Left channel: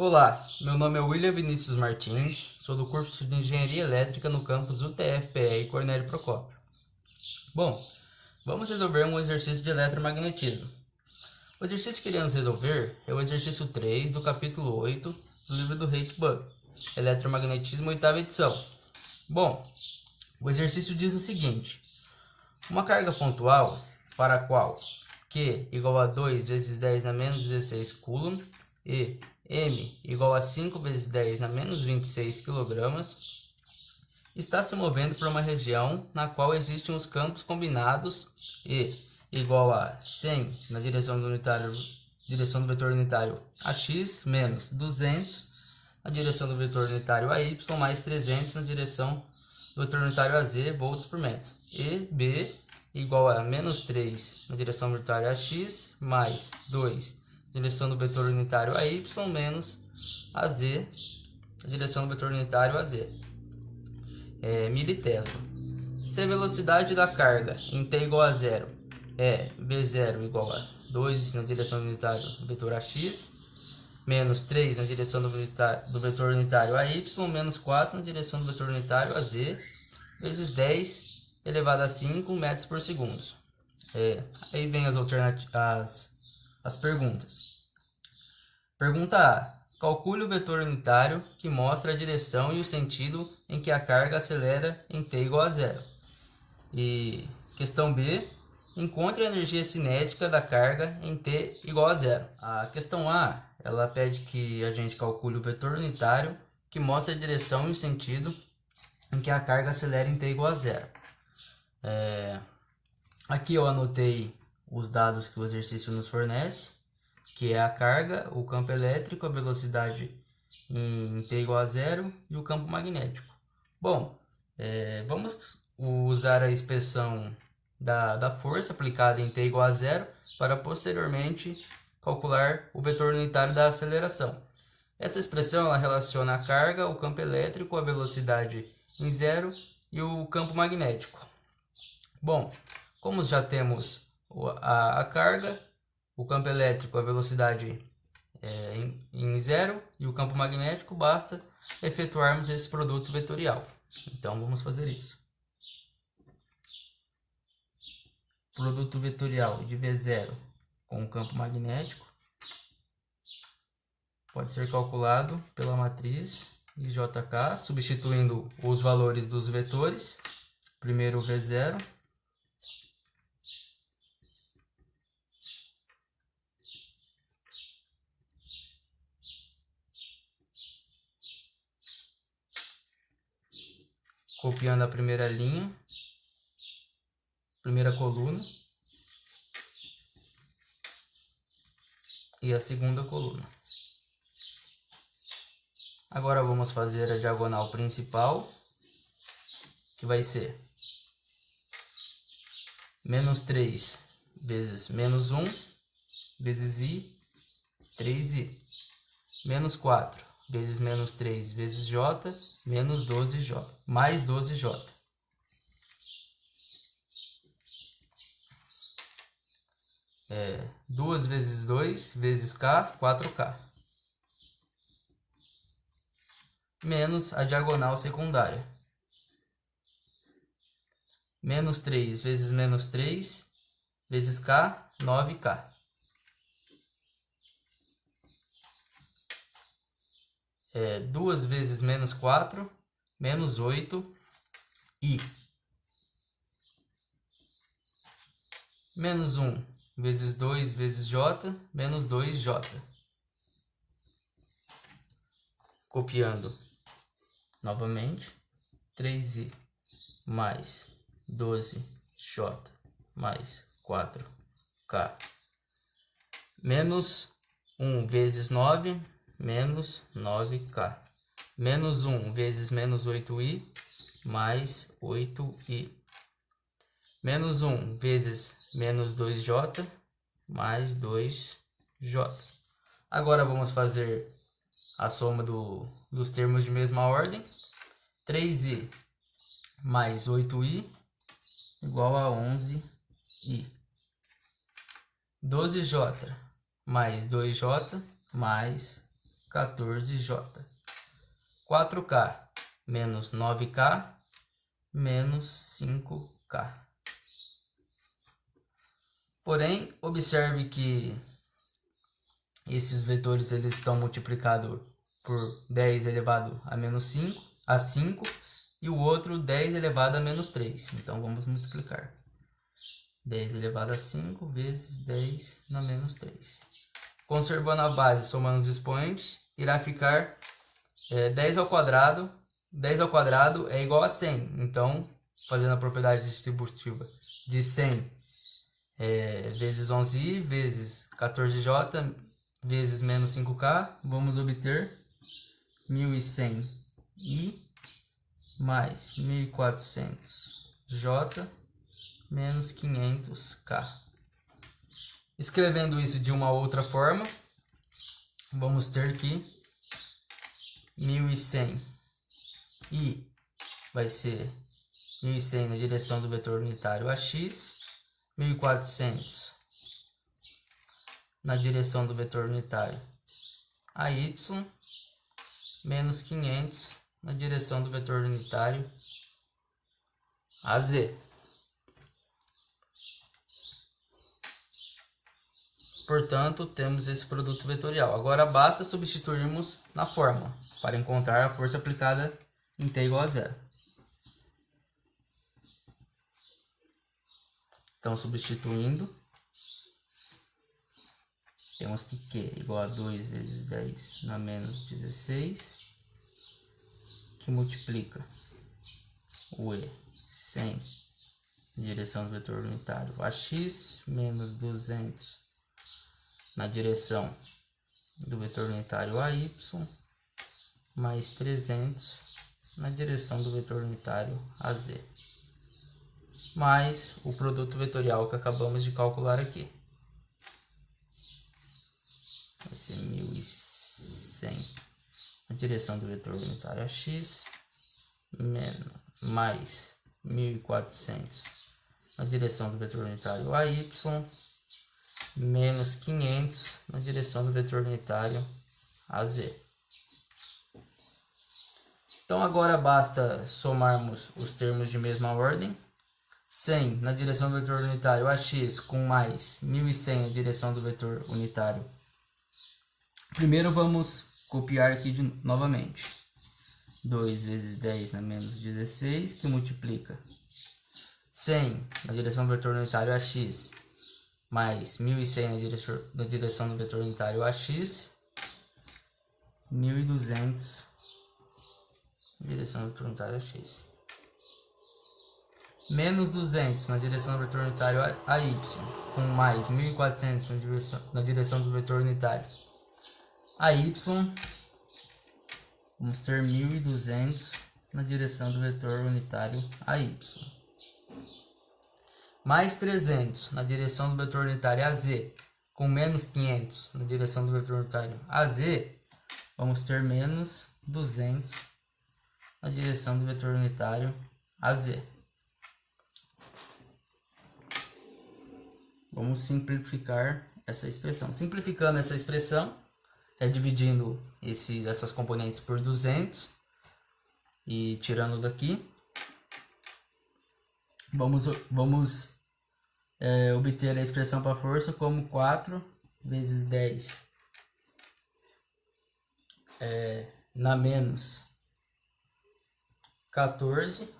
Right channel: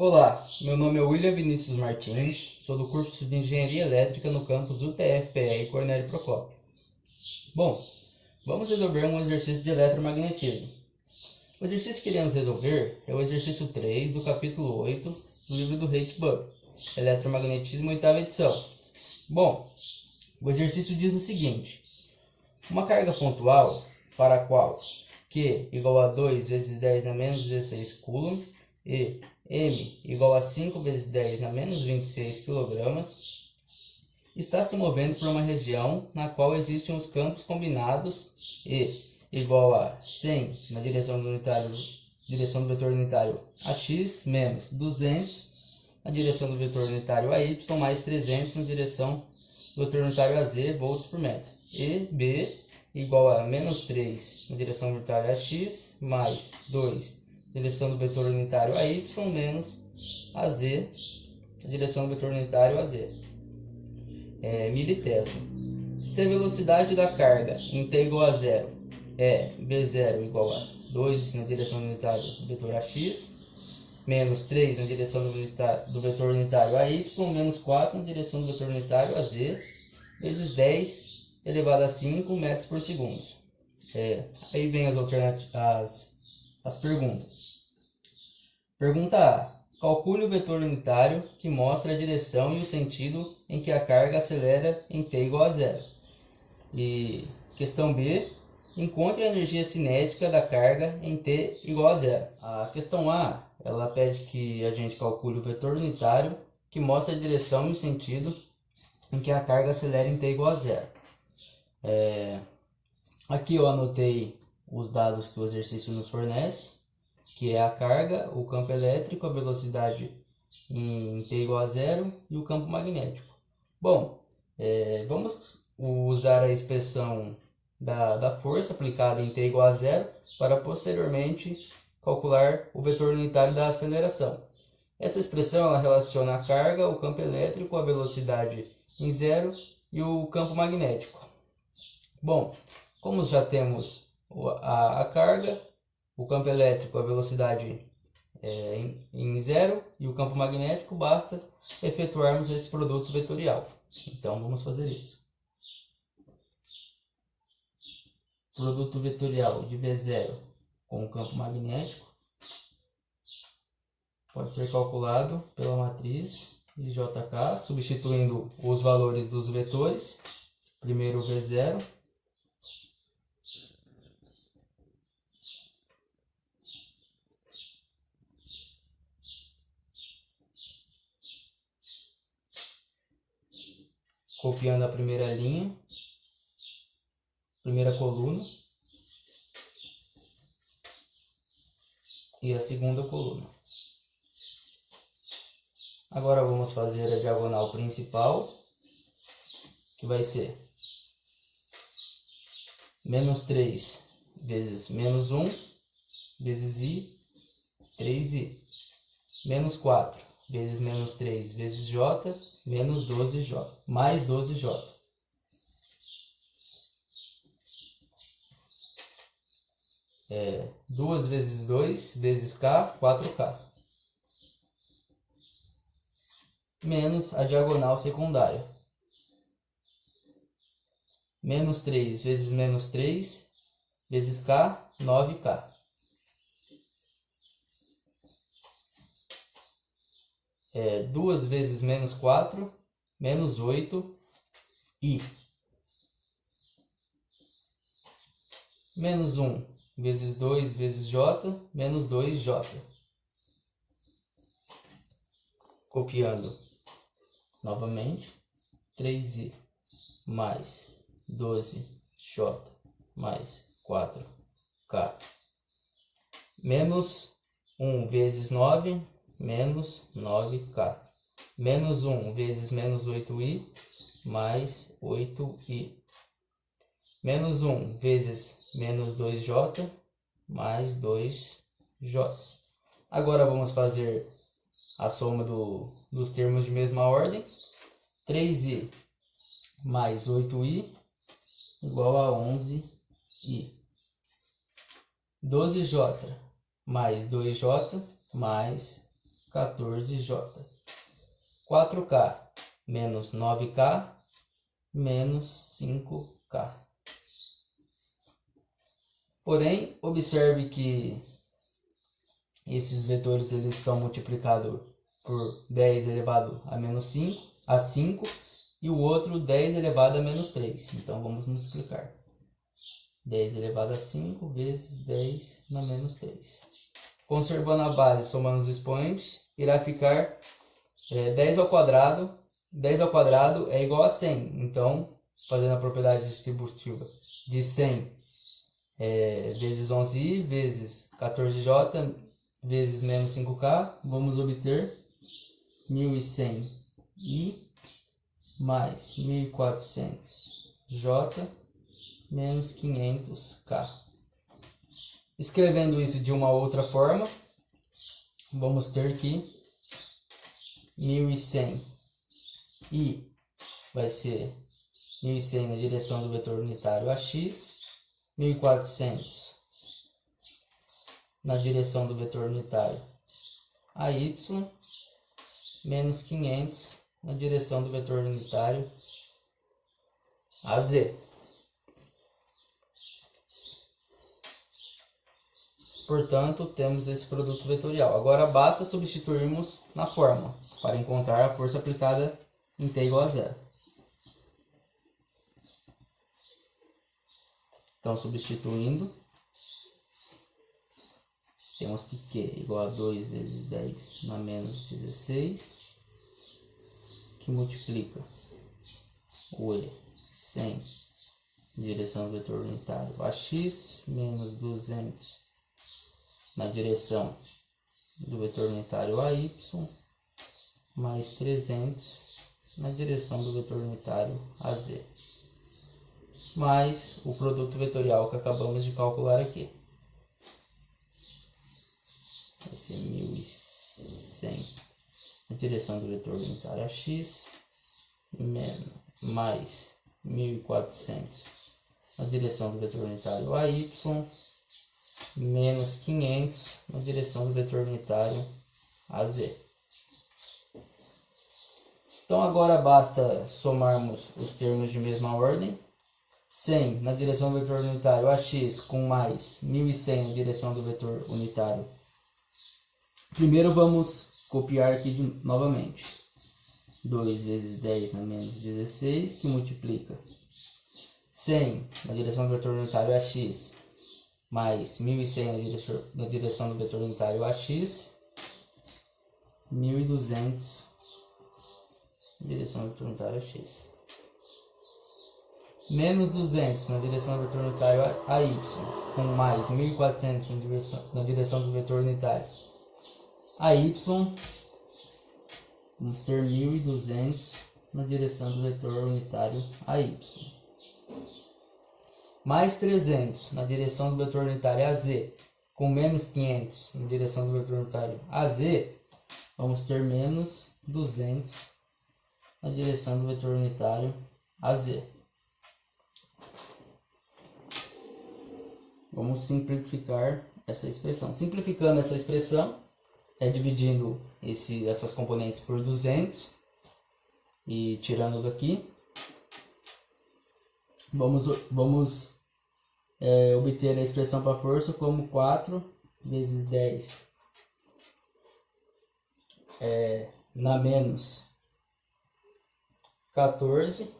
Olá, meu nome é William Vinícius Martins, sou do curso de Engenharia Elétrica no campus UTF-PR Cornélio Procópio. Bom, vamos resolver um exercício de eletromagnetismo. O exercício que iremos resolver é o exercício 3 do capítulo 8 do livro do Rake-Buck, Eletromagnetismo, 8ª edição. Bom, o exercício diz o seguinte: uma carga pontual para a qual Q igual a 2 vezes 10 na menos 16 coulomb e M igual a 5 vezes 10 na menos 26 kg, está se movendo por uma região na qual existem os campos combinados E igual a 100 na direção do vetor unitário AX menos 200 na direção do vetor unitário AY mais 300 na direção do vetor unitário AZ volts por metro. E B igual a menos 3 na direção unitária AX mais 2 direção do vetor unitário AY menos AZ, a direção do vetor unitário AZ. Militeto. Se a velocidade da carga em T igual a 0 é V0 igual a 2 na direção unitária do vetor AX, menos 3 na direção do vetor unitário AY, menos 4 na direção do vetor unitário AZ, vezes 10 elevado a 5 metros por segundo. Aí vem as perguntas. Pergunta A. Calcule o vetor unitário que mostra a direção e o sentido em que a carga acelera em T igual a 0. E questão B. Encontre a energia cinética da carga em T igual a 0. A questão A, ela pede que a gente calcule o vetor unitário que mostra a direção e o sentido em que a carga acelera em T igual a 0. Aqui eu anotei os dados que o exercício nos fornece, que é a carga, o campo elétrico, a velocidade em T igual a 0 e o campo magnético. Bom, vamos usar a expressão da força aplicada em T igual a 0 para posteriormente calcular o vetor unitário da aceleração. Essa expressão ela relaciona a carga, o campo elétrico, a velocidade em 0 e o campo magnético. Bom, como já temos a carga, o campo elétrico, a velocidade em 0 e o campo magnético, basta efetuarmos esse produto vetorial. Então vamos fazer isso. Produto vetorial de V0 com o campo magnético pode ser calculado pela matriz IJK, substituindo os valores dos vetores. Primeiro o V0. Copiando a primeira linha, primeira coluna e a segunda coluna. Agora vamos fazer a diagonal principal, que vai ser menos 3 vezes menos 1 vezes I, 3I, menos 4 vezes menos 3 vezes J, menos 12J, mais 12J. É 2 vezes 2 vezes K, 4K. Menos a diagonal secundária. Menos 3 vezes menos 3 vezes K, 9K. 2 vezes menos 4, menos 8I. Menos 1 vezes 2 vezes J, menos 2J. Copiando novamente, 3I mais 12J mais 4K. Menos 1 vezes 9, menos 9K. Menos 1 vezes menos 8I, mais 8I. Menos 1 vezes menos 2J, mais 2J. Agora vamos fazer a soma dos termos de mesma ordem. 3I mais 8I igual a 11I. 12J mais 2J mais 14J. 4K menos 9K menos 5K. Porém, observe que esses vetores eles estão multiplicados por 10 elevado a menos 5, a 5, e o outro 10 elevado a menos 3. Então, vamos multiplicar. 10 elevado a 5 vezes 10 na menos 3. Conservando a base, somando os expoentes, irá ficar 10 ao quadrado. 10 ao quadrado é igual a 100. Então, fazendo a propriedade distributiva de 100 vezes 11i vezes 14j vezes menos 5k, vamos obter 1100i mais 1400j menos 500k. Escrevendo isso de uma outra forma, vamos ter que 1100i vai ser 1100 na direção do vetor unitário AX, 1400 na direção do vetor unitário AY, menos 500 na direção do vetor unitário AZ. Portanto, temos esse produto vetorial. Agora basta substituirmos na fórmula para encontrar a força aplicada em T igual a 0. Então, substituindo, temos que Q igual a 2 vezes 10 na menos 16, que multiplica o E 100 em direção do vetor unitário AX, menos 200 na direção do vetor unitário AY, mais 300 na direção do vetor unitário AZ, mais o produto vetorial que acabamos de calcular aqui. Vai ser 1100 na direção do vetor unitário AX, mais 1400 na direção do vetor unitário AY, menos 500 na direção do vetor unitário AZ. Então agora basta somarmos os termos de mesma ordem. 100 na direção do vetor unitário AX com mais 1100 na direção do vetor unitário. Primeiro vamos copiar aqui novamente. 2 vezes 10 na menos 16, que multiplica 100 na direção do vetor unitário AX mais 1100 na direção do vetor unitário AX, 1200 na direção do vetor unitário AX, menos 200 na direção do vetor unitário AY, com mais 1400 na direção do vetor unitário AY, vamos ter 1200 na direção do vetor unitário AY. Mais 300 na direção do vetor unitário AZ, com menos 500 na direção do vetor unitário AZ, vamos ter menos 200 na direção do vetor unitário AZ. Vamos simplificar essa expressão. Simplificando essa expressão, dividindo essas componentes por 200 e tirando daqui, vamos obter a expressão para força como 4 vezes 10 na menos 14,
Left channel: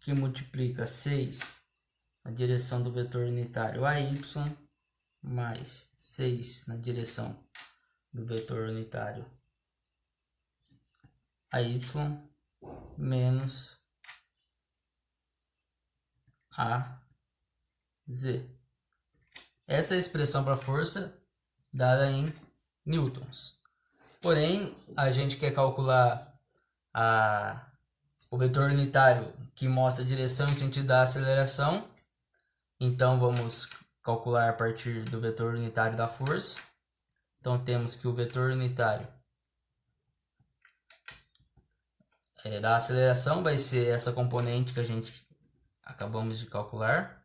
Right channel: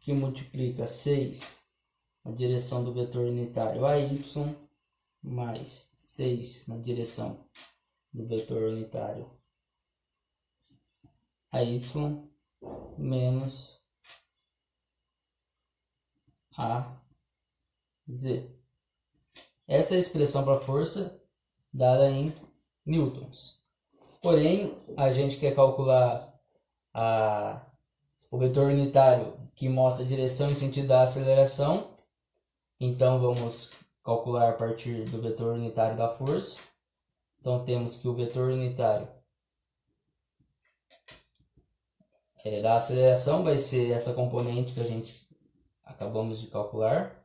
que multiplica 6 na direção do vetor unitário AY, mais 6 na direção do vetor unitário AY, menos AZ. Essa é a expressão para força dada em newtons. Porém, a gente quer calcular o vetor unitário que mostra a direção e sentido da aceleração. Então, vamos calcular a partir do vetor unitário da força. Então, temos que o vetor unitário da aceleração vai ser essa componente que a gente acabamos de calcular.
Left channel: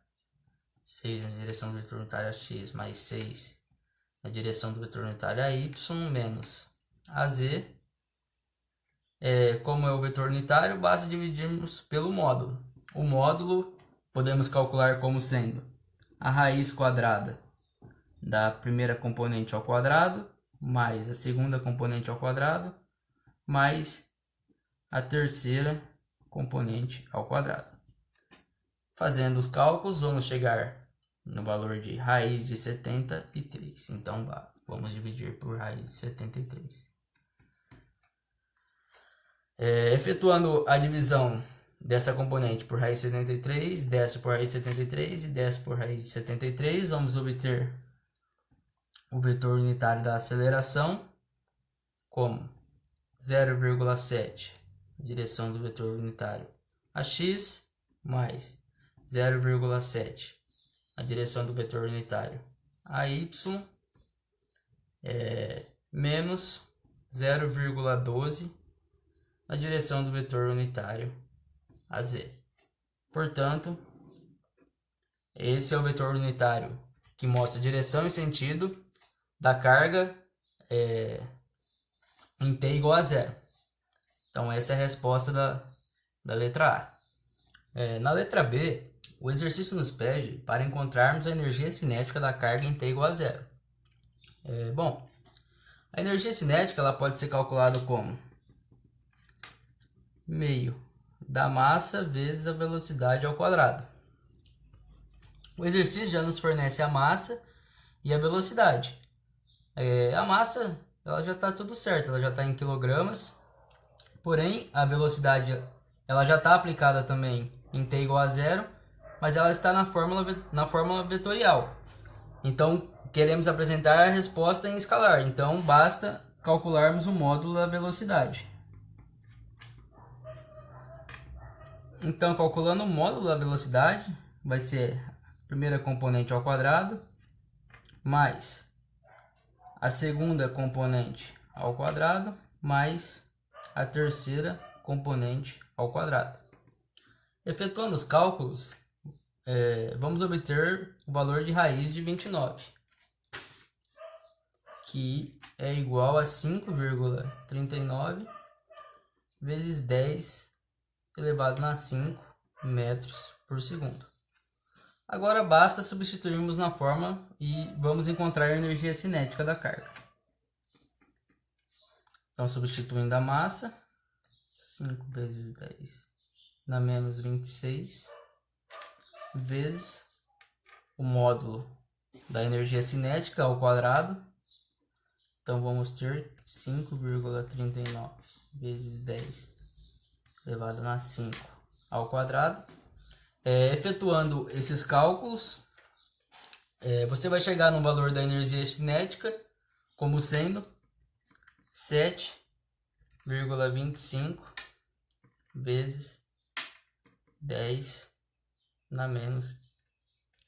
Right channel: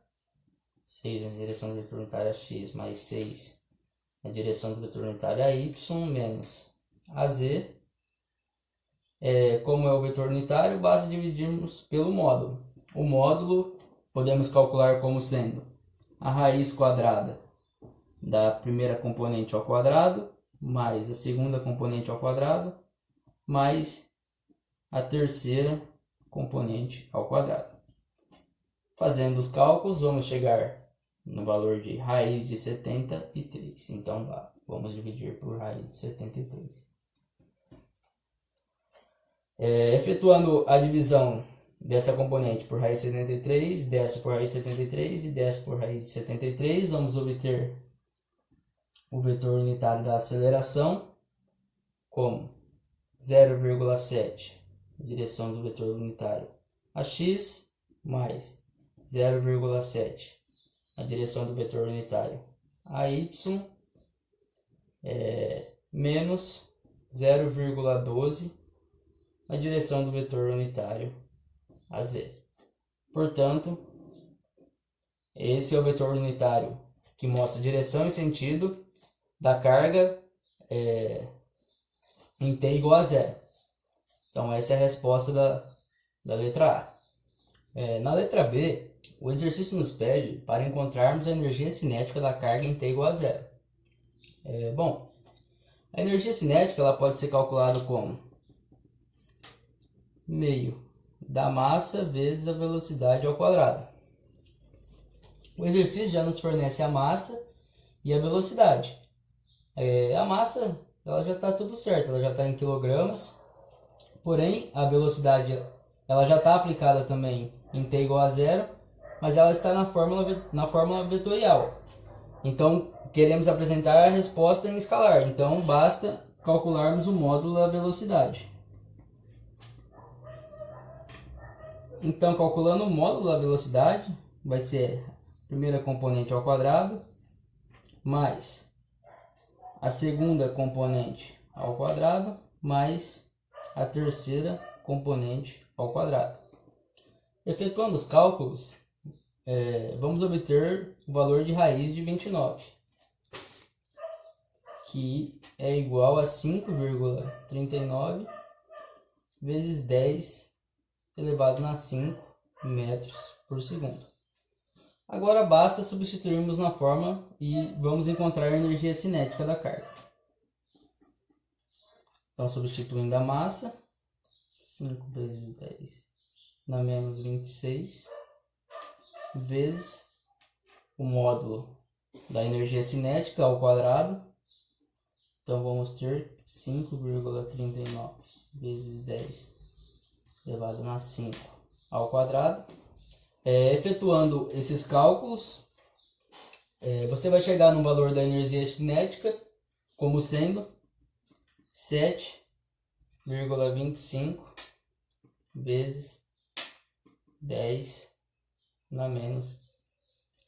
6 na direção do vetor unitário x mais 6 a direção do vetor unitário é y, menos AZ. Como é o vetor unitário, basta dividirmos pelo módulo. O módulo podemos calcular como sendo a raiz quadrada da primeira componente ao quadrado, mais a segunda componente ao quadrado, mais a terceira componente ao quadrado. Fazendo os cálculos, vamos chegar no valor de raiz de 73. Então, vamos dividir por raiz de 73. Efetuando a divisão dessa componente por raiz de 73, dessa por raiz de 73 e dessa por raiz de 73, vamos obter o vetor unitário da aceleração como 0,7, direção do vetor unitário a x, mais 0,7, a direção do vetor unitário a y, menos 0,12, a direção do vetor unitário a z. Portanto, esse é o vetor unitário que mostra direção e sentido da carga em t igual a zero. Então, essa é a resposta da letra A. Na letra B, o exercício nos pede para encontrarmos a energia cinética da carga em t igual a zero. Bom, a energia cinética ela pode ser calculada como meio da massa vezes a velocidade ao quadrado. O exercício já nos fornece a massa e a velocidade. A massa ela já está tudo certo, ela já está em quilogramas, porém a velocidade ela já está aplicada também em t igual a zero, mas ela está na fórmula vetorial. Então queremos apresentar a resposta em escalar, então basta calcularmos o módulo da velocidade. Então, calculando o módulo da velocidade, vai ser a primeira componente ao quadrado, mais a segunda componente ao quadrado, mais a terceira componente ao quadrado. Efetuando os cálculos, vamos obter o valor de raiz de 29, que é igual a 5,39 vezes 10 elevado a 5 metros por segundo. Agora basta substituirmos na fórmula e vamos encontrar a energia cinética da carga. Então, substituindo a massa, 5 vezes 10 dá menos 26, vezes o módulo da energia cinética ao quadrado. Então, vamos ter 5,39 vezes 10 elevado a 5 ao quadrado. Efetuando esses cálculos, você vai chegar no valor da energia cinética como sendo 7,25 vezes 10 na menos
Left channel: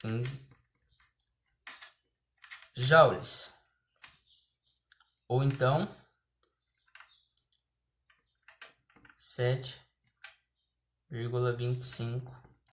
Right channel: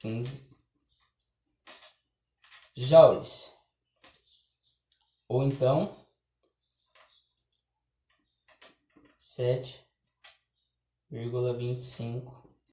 15 joules. Ou então 7,25